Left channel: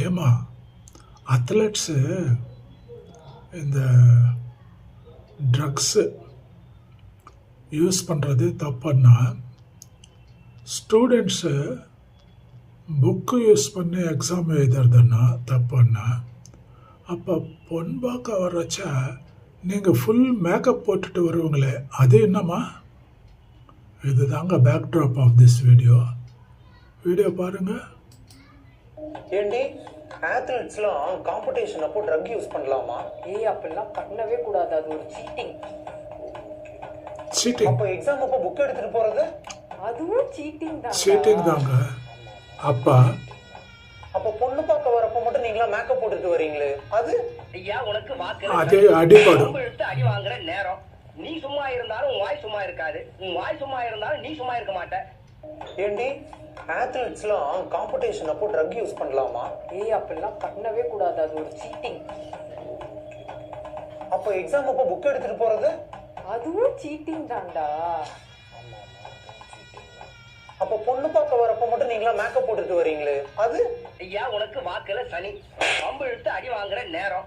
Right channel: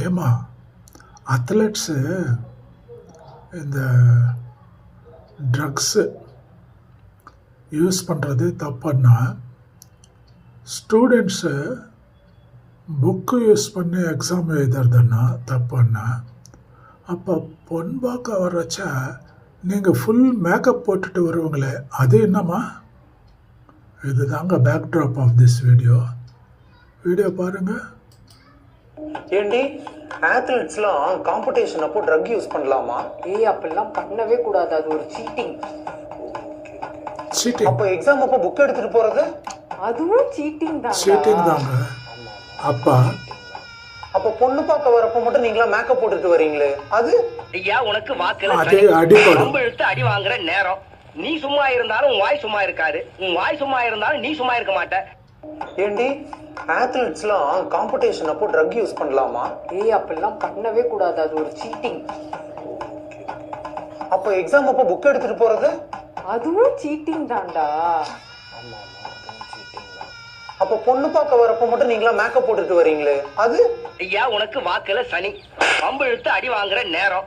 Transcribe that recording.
ஏமா அத்லெட்ஸு இந்த drugs use பண்ணுறது தப்புன்னா ஸ்டூடெண்ட்ஸு புக்கு யூஸ் பண்ணி எக்ஸாம் எழுதுறதுன்னா தப்புன்னா அப்போ பொன் பார்க்க வரச்சா நீங்கள் ஃபுல் மேக்கப் போட்டுட்டு வருவங்களே அது என்னம்மா? இது தாங்க பேக்ட்ராப் ஆஃப் திஸ் வீடியோ பாருங்கள். ஏண்டி ஆத்லெட்ஸ்லாம் காம்படிஷன் அப்போ ட்ரக் யூஸ் பண்ணலாமா? அப்படிலாம் பண்ணவே கூடாது, அது ஒரு சீட்டிங். அப்போ எக்ஸாம் அப்போ புக் எடுத்துட்டு போறது அதுவும் சீட்டிங் தாங்க. அப்போ பொண்ணு பார்க்க வரப்போ மட்டும் நீங்களா மேக்கப் போட்டுட்டு வரீங்களே அது? ஐயா உனக்கு வாக்குல அடிபடும். எடுத்து அடி வாங்குற நேரம். நீ சும்மா இருந்தாலும் உன் வாய் சும்மா இருக்காது, உன் வாய் சும்மா இருந்தாலும் நீ சும்மா இருக்க மாட்ட. ஏண்டி ஆத்லெட்ஸ்லாம் காம்படிஷன் அப்போ ட்ரக் யூஸ் பண்ணலாமா? அப்படிலாம் பண்ணவே கூடாது, அது ஒரு சீட்டிங். அப்போ எக்ஸாம் அப்போ புக் எடுத்துட்டு போறது அதுவும் சீட்டிங் தான்டா. அப்போ பொண்ணு பார்க்க வரப்போ மட்டும் நீங்களா மேக்கப் போட்டுட்டு வரீங்களே அது? ஐயா உனக்கு வாக்குல சனி. பம்பு இழுத்து அடி வாங்குற நேரம்.